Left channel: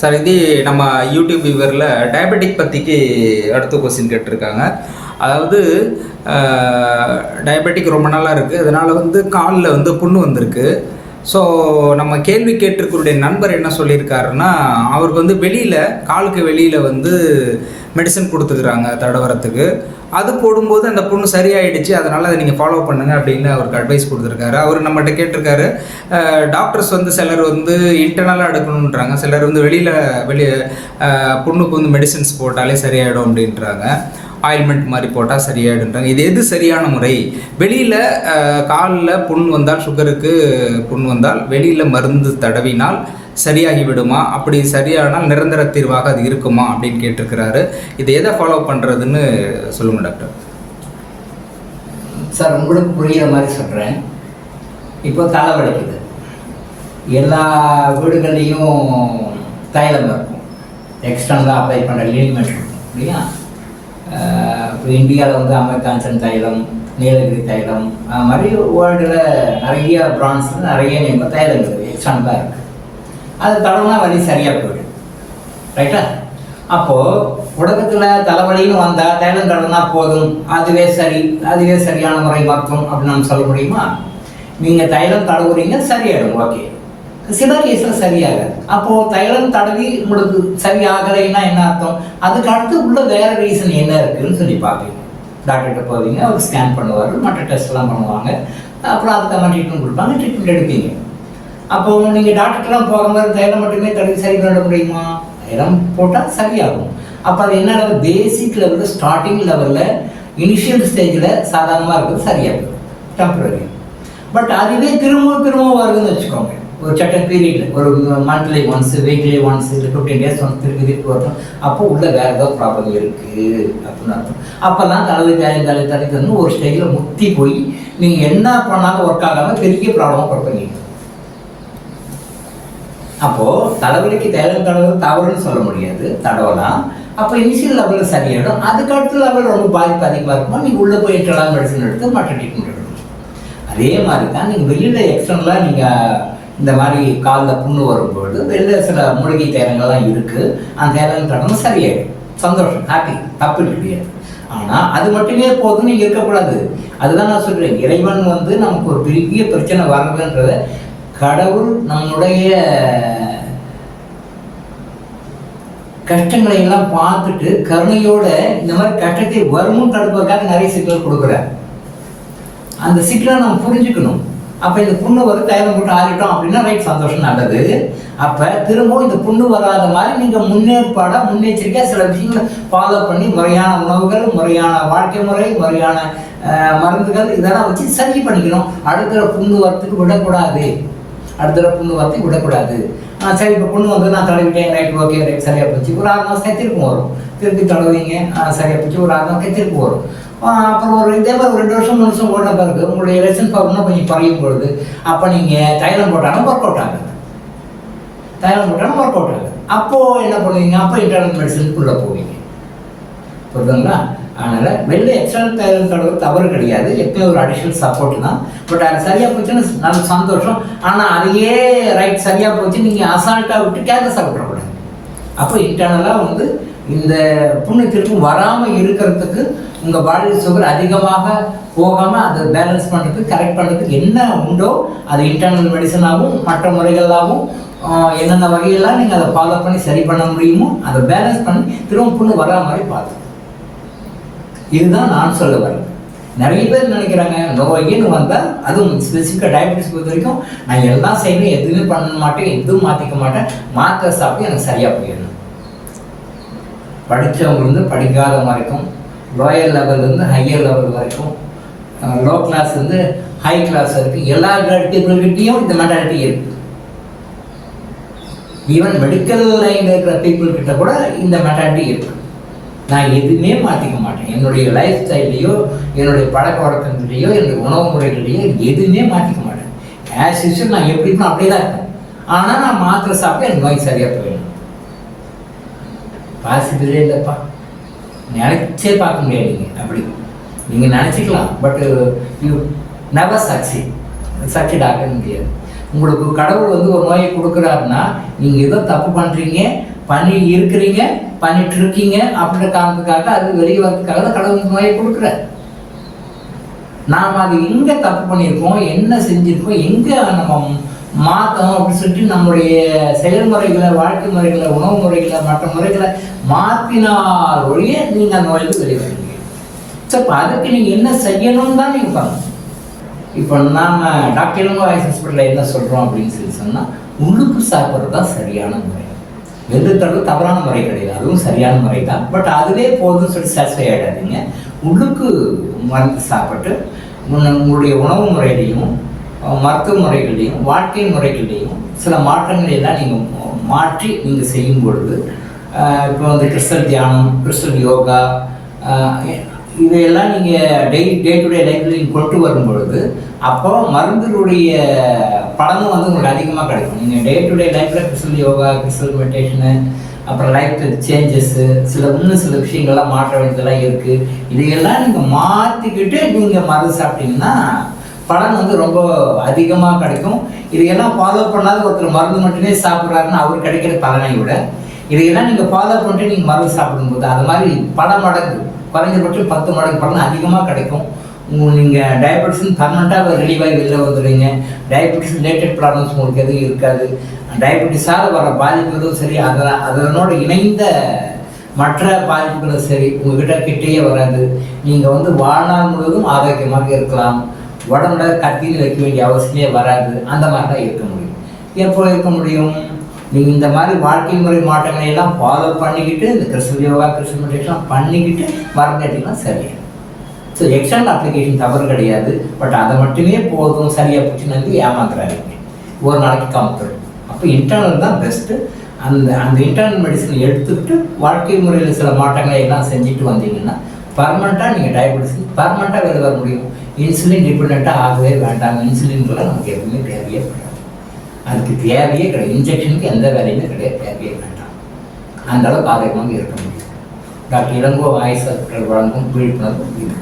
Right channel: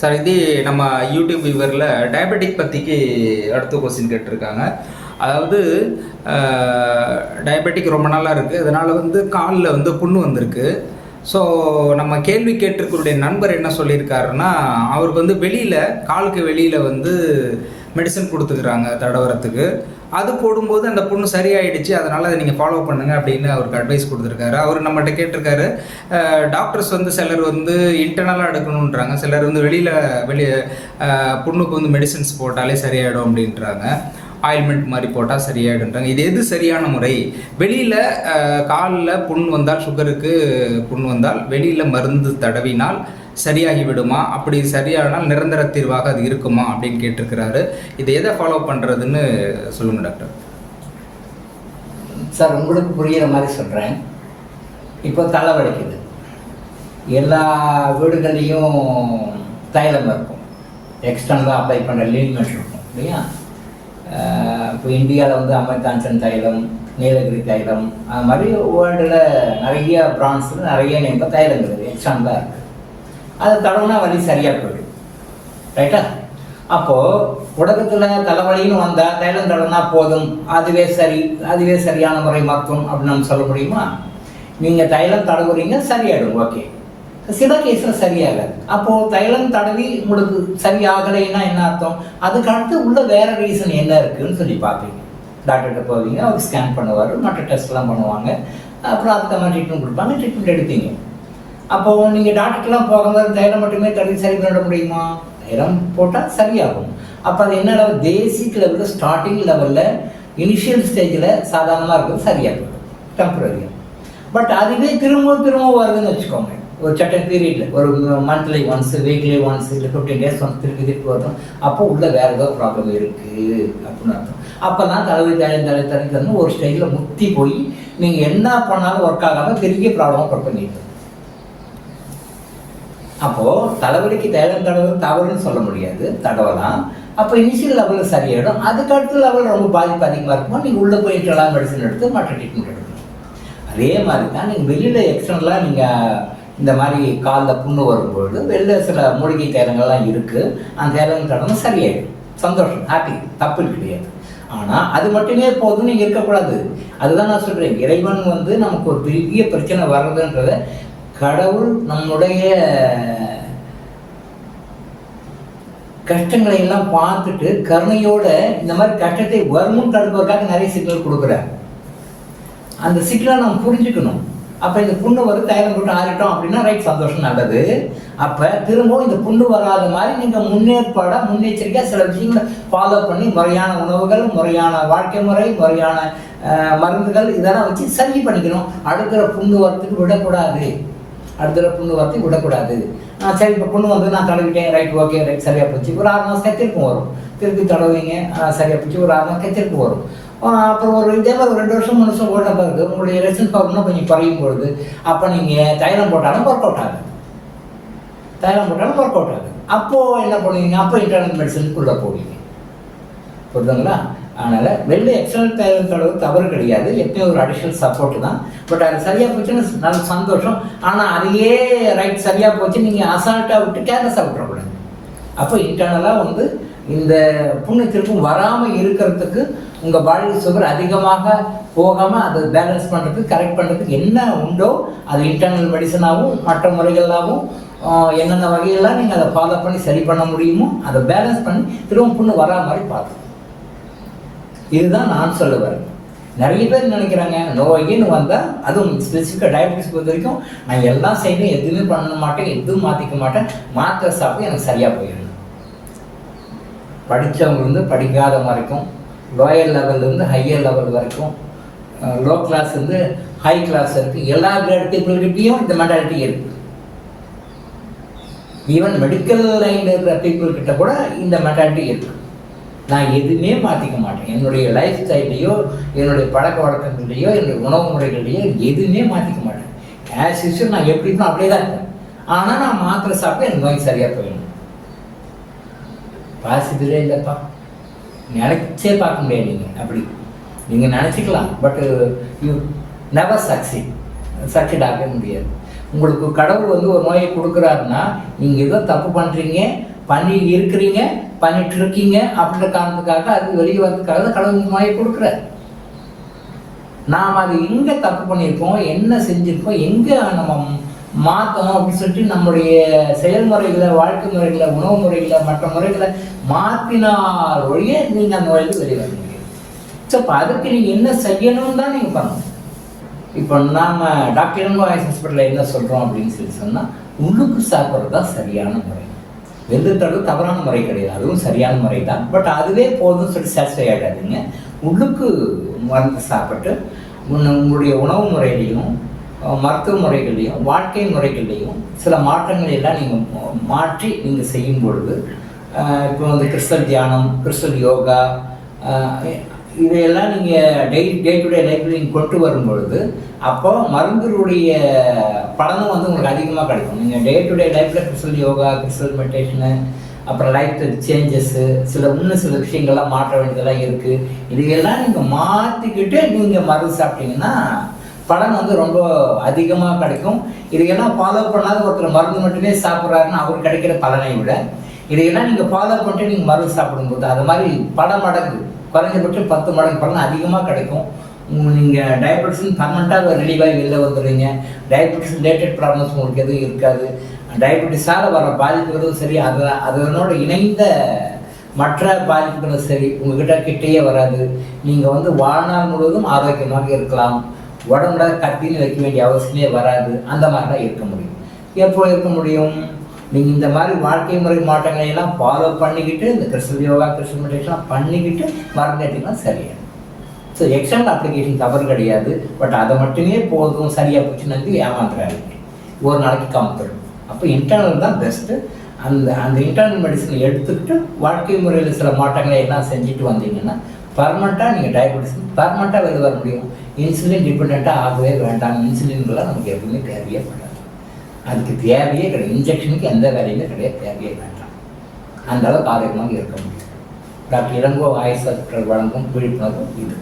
Sir இது நம்ம YouTube வியூவரில் diabetic பற்றிக்கு அடுத்த கொஸ்டின் கேட்டிருக்காங்க. அதாவது டயபெட்டிக் ரொம்ப நாளாக இருக்குது, அதனால் காலில் புண்ணு வந்திருக்கு. ஸோ நம்ம கேள்வி கேட்டிருக்கருடைய நண்பர் என்ன சொல்லியிருக்காருன்னா, அவருக்கு வெளியில் காலுக்கு வெளியில் மெடிசன் கொடுத்துக்கிறாங்க தடவரத்துக்கு. அது போடும்போது அந்த புண்ணு சரியாயிடுச்சு, அதனால் அதை நீங்கள் ஃபாலோ பண்ணுங்கள் அப்படின்னு அவருக்கு அட்வைஸ் கொடுத்துருக்காரு. அவர் நம்மகிட்ட கேட்டிருக்காரு, டாக்டர்ஸ் சிலர் இன்டர்னலாக எடுக்கணுன்றாங்க, சிலர் வெளியே புண்ணுக்கு மெடிசன்ஸ் போட்டாலே சரியாயிடும் அப்படின்றாங்க, ஆயில்மெண்ட் மாதிரி போட்டால் சரியாயிடுன்றாங்க. இது எது சரியான முறை? வெளியில் காலில் புண் வந்தால், சுகருக்கு புண் வந்தால் வெளியில் மருந்து தடவினால் சரியாகி விடுமா? அப்படி சரியானால் நிரந்தர தீர்வாக அது இருக்குமா அப்படின்னு கேட்டிருக்கிறாரு. இது எதை ஃபாலோ பண்ணுறதுன்னு சொல்லுங்க டாக்டர். சார், உங்களுக்கு புரிகிற மாதிரி சொல்கிறேன். இப்போ தலை வலிக்குது, எல்லா வீடுகள்லேயும் தைலம் இருக்கும், எக்ஸ்டர்னலாக அப்ளை பண்ணுற லிமிட் இருக்கும் இல்லையா? இப்போ இந்தியாவில் அமெரிக்கான்சன் தைலம், நீலகிரி தைலம், அது மாதிரி வேர்ல்டில் நிறைய பிராண்ட்ஸ் நிறைய நேம் தைலம் இருக்குது, எக்ஸ்டர்னலாக இருக்குது. அது தடவைனா வலி சரியாக போயிடும், ரைட்டா? அப்போது உலகத்தில் தலைவலின்னு வந்தால் தைலம் தடவைனா போதும், அதுவே சரியான முறை மருத்துவம் அப்படின்னு நம்ம சொல்ல முடியுமா? நீங்கள் தைலம் தடவுறீங்க, சரியாயிடும், ஓகே. சில கேஸில் சரியாகாது. அப்போது தைலம் தடவி உங்களுக்கு சரியாகலைன்னா என்ன அர்த்தம்? அதுக்கு அடுத்து உள்ள வேறு ரீசன் என்ன இருக்குதுன்னு சொல்லி பார்ப்பீங்க. டாக்டர்கிட்ட போவீங்க, அவர் ஸ்கேன் பண்ணுவார், மற்ற டெஸ்ட்லாம் பண்ணுவாங்க, அப்புறம் அதுக்கு மாதிரி ட்ரீட்மெண்ட் கொடுப்பாங்க, ட்ரீட்மெண்ட் எடுப்பீங்க. அப்போது நீங்கள் டாக்டர்க்கெலாம் போகிற மாதிரி தைலம் மட்டுமே தடவி சரி பண்ண முடியுமா? தைலம் போட்டால் சரியாகும். அப்போ அது என்ன லெவல்? பேசிக் லெவலில், ஸ்டார்டிங் லெவலில், இனிஷியல் ஸ்டேஜில் சாதாரணமாக இருக்குது, சரியாகும், டெம்பரரி. பட் அதுவே திரும்ப வருதுன்னு வச்சுக்கோங்க, ஒரு சட்டன் பீரியட், ஒரு மந்த்லி ஒன்ஸ், வீக்லி ஒன்ஸ், இல்லை 15 days ஒன்ஸ் திருப்பி வரணும். அப்போ உள்ள வேறு ஏதோ ப்ராப்ளம் இருக்குது அப்படின்னு அர்த்தம். அப்போ தான் தலை ஒரு ஸ்டேஜில் முத்தி போய் நீங்கள் என்ன பண்ணாலும் ஒர்க் ஆகாமல் பெரிய ப்ராப்ளமாக கொடுப்பீங்க. அப்போது தலைவலிக்கு தைலம் தடவை தவறுன்னு சொல்ல முடியாது, தடவலாம். அப்போ இனிஷியல் லெவலில் சரியாயிடும். அதுக்கு அடுத்த லெவலில் ரொம்ப பாதிப்பு அதிகமாக இருக்குமா, நீங்கள் உள்ளே போய் இன்டர்னல் மெடிசன் எடுத்து மற்ற ட்ரீட்மெண்ட் எடுக்கணும். அதே மாதிரி தான் நீங்கள் வெளியில் எக்ஸ்டர்னலாக நீங்கள் இந்த மாதிரி காலில் புண்ணு வரும்பொழுது வெளில சில மூலிகை தைலங்கள்லாம் இருக்குது, அந்த தைலம் தடவை சரியாயிடும், சந்தோஷம், ஹாப்பி, தப்பு கிடையாது. ஆனால் அது மட்டுமே போதும் நீங்கள் இருக்கக்கூடாது. அதுதான் நான் சொல்கிறேன், இறைவன் நமக்கு ஒரு பெரிய பிரச்சனை வர்றதுன்றத கடவுள் நம்மளுடைய கஷ்டங்களை எல்லாம் பார்த்துட்டு கருணையோட இந்த மாதிரி கஷ்டத்தை வருமுன் தடுப்பதற்காக நிறைய சிக்னல் கொடுக்குறார். அந்த சிக்னலை நம்ம புரிஞ்சுக்கணும். அப்போ இந்த புண்ணு தைலம் போட்டு ஆறிட்டோம் அப்படின்னா ரைட், சந்தோஷம், நல்லது. அப்போ திரும்பவும் இந்த புண்ணு வராத மாதிரி நீங்கள் முன்னெச்சரிக்கையாக சில விஷயங்களை ஃபாலோ பண்ணி முறையான உணவுகள், முறையான வாழ்க்கை முறை, முறையான மருந்துகள் இதெல்லாம் வச்சு சரி பண்ணிக்கணும். அடுத்த புண்ணு வரத்துக்கு விடக்கூடாது. சரி, இப்போ புண்ணு நான் தடவிட்டேன், ரைட், ஓகே, ரைட், சரியாக போச்சு. ஒரு 6 மாதம் திருப்பும் வரும், திருப்பி தடவைங்க, சரியாக போச்சு, ஒரு 6 மாதம் திருப்பு வரும். அப்புறம் ஒரு இதே மாதிரி 2 வருஷம் 3 வருஷம் ஓட்ட பிறகு உங்களுடைய ரெசன் பவர்னா கொஞ்சம் குறையும் பொழுது அப்போ நீங்கள் தைலம் போட்டாலும் ஒர்க் அவுட் ஆகுது. அப்போது என்ன பண்ணுவீங்க? அப்போ இன்டர்னல் மெடிசனுக்குள்ளே போவீங்க, புரியுதுங்களா? அதனால் வெளியே எக்ஸ்டர்னல் தைலம் தடவை தவறு கிடையாது, எப்பயும் ஒரு அடிஷ்னல் சப்போர்ட் தான். பட் அது சரியாக போச்சுன்னு நல்ல சந்தோஷம். ஆனால் அதையே ரைட் சரியாக போச்சு நீங்கள் அசால்ட்டாக விட்டு கேர்லெஸ்ஸாக விட்டுறக்கூடாது. அப்போ இன்டர்னலாக இந்த புண்ணு திருப்பும் வராமல் இருக்கிறதுக்கு உங்கள் பாடி சுகர் அதிகமாக போகாமல் அதை பேலன்ஸ் பண்ணுறதுக்கு, கரெக்ட் பண்ணுறதுக்கு என்ன உண்டோ அது இன்டர்னல் மெடிசனாகவும் மற்ற முறைகளாகவும் என்னென்ன வகையெல்லாம் நீங்கள் அதை ஃபாலோ பண்ணி சரி பண்ண முடியுமோ அதை பேலன்ஸ் பண்ணி திரும்ப புண்ணு வரா மாதிரி பார்த்து. இதுதான் நான் சொல்ல வரேன். நிறைய பேர் நினைக்கிறாங்க நோயின்னு வந்தால், அதுவும் ஸ்பெசிஃபிக்காக டயபெட்டிஸ் பொறுத்த வரைக்கும் நான் எல்லாம் செய்யணும், எதுவுமே பண்ண மாட்டேன், எதுவும் மாற்றிக்க மாட்டேன், மாத்திரை சாப்பிட்டு எனக்கு சரியாக போயிடணும். படித்தவங்க படிக்காத வரைக்கும், லோயர் லெவல்லேருந்து ஹையர் லெவல் வரைக்கும், லோ கிளாஸ் ஹை கிளாஸ் இருக்குது, எல்லா பீப்புள்கிட்டையும் இந்த மென்டாலிட்டி இருக்குது. ஈவன் மெடிக்கல் லைனில் இருக்கிற பீப்புள்கிட்ட கூட இந்த மென்டாலிட்டி இருக்குது. நான் எதுவுமே மாற்றிக்க மாட்டேன், என்னுடைய லைஃப் ஸ்டைல்லையோ, என்னுடைய பழக்க வழக்கங்களையோ, என்னுடைய உணவு முறைகளையோ எதுவுமே மாற்றிக்க மாட்டேன். ஆஸ் யூஷுவல் நான் எப்படி இருக்கணும் அப்படி தான் இருக்கேன். ஆனால் நான் மாத்திரை சாப்பிட்டு எனக்கு நோய் சரியாக போயிடும். பாசிபிளே இல்லைப்பா, நினச்சே பார்க்க முடியாது. நீங்கள் அப்படி நீங்கள் நினச்சிக்கலாம், பட் யூ நெவர் சக்சீட் ஆக முடியாது. உங்களுக்கு கடவுள் வந்து ஒரு நோயை கொடுக்குறாருன்னா நீங்கள் ஏதோ தப்பு பண்ணுறீங்க, இருக்கிறீங்க, பண்ணிட்டு இருக்கீங்க அப்படின்ற காரணத்துக்காக அது வெளியே வரதுக்காக தான் கடவுள் நோயை கொடுக்குறாரு. நாம் அது எங்கே தப்பு பண்ணியிருக்கோம், என்ன செஞ்சுருக்கோம், எங்கே நம்ம மாற்றணும் அப்படின்னு சொல்லிட்டு நம்முடைய செயல்முறைகளை, வாழ்க்கை முறைகளை, உணவு முறைகளை, மற்ற முறைகளை மாற்றினால் ஒழிய நீங்கள் அந்த நோயிலிருந்து வெளியே வர முடியும். ஸோ இப்போ அதுக்கு நீங்கள் என்ன செய்யணும்னு தான் நீங்கள் பண்ணணும். இப்போ நாம் டாக்டர் இளங்கோ ஆயுஷ் ஹாஸ்பிட்டலில் என்ன சொல்கிறோம் அப்படின்னு சொல்லி சொன்னால், உள்ளுக்கு சாப்பிட்றது தான் சரியான முறை. வெள்ளுத்தளவு தவறான முறை கிடையாது, அதுவும் சரியான முறை தான். பட் அதுவே போதும்னு சொல்லி சாட்டிஸ்ஃபை ஆகிடாதீங்க. உள்ளுக்கு மருந்து சாப்பிட்டு உங்களுடைய உணவு முறையிலையும் மருத்துவ முறைகளையும் வாழ்க்கை முறைகளையும் சில மாற்றங்களை எல்லாம் நீங்கள் மாற்றி நீங்கள் செய்யும் பொழுது, இப்போ வந்து கிறிஸ்டல் தியானம், கிறிஸ்டல் யோகா, இதையெல்லாம் நீங்கள் டே டு டே லைஃப்பில் நீங்கள் கொண்டு வரும் பொழுது அப்போ மருந்துடைய பலனும் வந்து உங்களுக்கு அதிகமாக கிடைக்கும். நீங்கள் டே டு டே லைஃப்பில் கிறிஸ்டல் யோகா, கிறிஸ்டல் மெடிடேஷனு, அப்புறம் லைஃப் சேஞ்சஸ்ஸு, இன்னும் சில விஷயங்கள்லாம் மாற்ற வேண்டியதெல்லாம் இருக்குது. இதையெல்லாம் நீங்கள் மாற்றிக்கிட்டு நீங்கள் மருந்து சாப்பிட்டீங்கன்னா பலன் வந்து ரொம்ப அதிகமாக கிடைக்கும். இதையெல்லாம் ஃபாலோ பண்ணாத ஒருத்தர் மருந்து மட்டுமே சாப்பிட்றாருன்னா அவர் கிடைக்கிற பலனை விட இதையெல்லாம் நீங்கள் ஃபாலோ பண்ணிட்டு நீங்கள் மருந்து சாப்பிடும்போது அது மாதிரி பல மடங்கு, குறைஞ்சபட்சம் 10 மடங்கு பலன் அதிகமாக கிடைக்கும். நீங்கள் டயபெட்டிஸ் பர்மனெண்ட்டாக ரிலீவாகி வெளில வந்துடுவீங்க. டயபெட்டிஸ் ரிலேட்டட் ப்ராப்ளம்ஸ் உங்களுக்கு எதுவும் இருக்காது. டயபெட்டிஸால் வர பாதிப்புகளும் சரி, அதனோட இணைந்த மற்ற பாதிப்புகளும் சரி உங்கள்கிட்ட கிட்டேயே வராது. நீங்கள் வந்து வாழ்நாள் முழுவதும் ஆரோக்கியமாக இருக்கலாம். உடம்புல கத்தின்னு வைக்க வேண்டிய அவசியமே வராது. அந்த மாதிரி தான் இருக்க முடியும். எப்போ இருக்க முடியும்? நீங்கள் இந்த மாதிரி வாழ்க்கை முறை மாற்றங்களை எல்லாம் ஃபாலோ பண்ணிக்கிட்டு, இந்த கிறிஸ்டல் யோகா, கிறிஸ்டல் மெடிடேஷன்லாம் பண்ணிக்கிட்டு மருந்து எடுத்திங்கன்னா சரியாக. ஸோ எக்ஸ்டர்னல் அப்ளிகேஷன் தவறு கிடையாது. பட் அதை மட்டுமே போதும், சரியாக போச்சு நம்பி ஏமாத்துறாங்க. ஒரு நாளைக்கு கம்பெனி. அப்போ இன்டர்னல் தான் பெஸ்ட்டு. அந்த இன்டர்னல் மெடிசனை எடுத்துக்கிட்டு வாழ்க்கை முறையில் சில மாற்றங்களை எல்லாம் செஞ்சுட்டு வந்தீங்கன்னா பர்மனெண்ட்டாக நீங்கள் டயபெட்டிஸ் பர்மனெண்ட்டாக வெளில வர முடியும். இன்சுலின் டிபெண்ட்டாக ஆகவே வேண்டாம். இன்சுலின்லாம் நமக்கு எதுவுமே தேவையே கிடையாது. அதுக்கு தேவையே கிடையாது. இன்ஜெக்ஷனுக்கு எந்த வேலையுமே கிடையாது, தேவையே வேண்டாம். அந்த அளவுக்கு ஆரோக்கியமாக இருக்க முடியும். டாக்டர் இளங்கோ ஆயுஷ் ஹாஸ்பிட்டல் வழங்கும் விழிப்புணர்வு இது.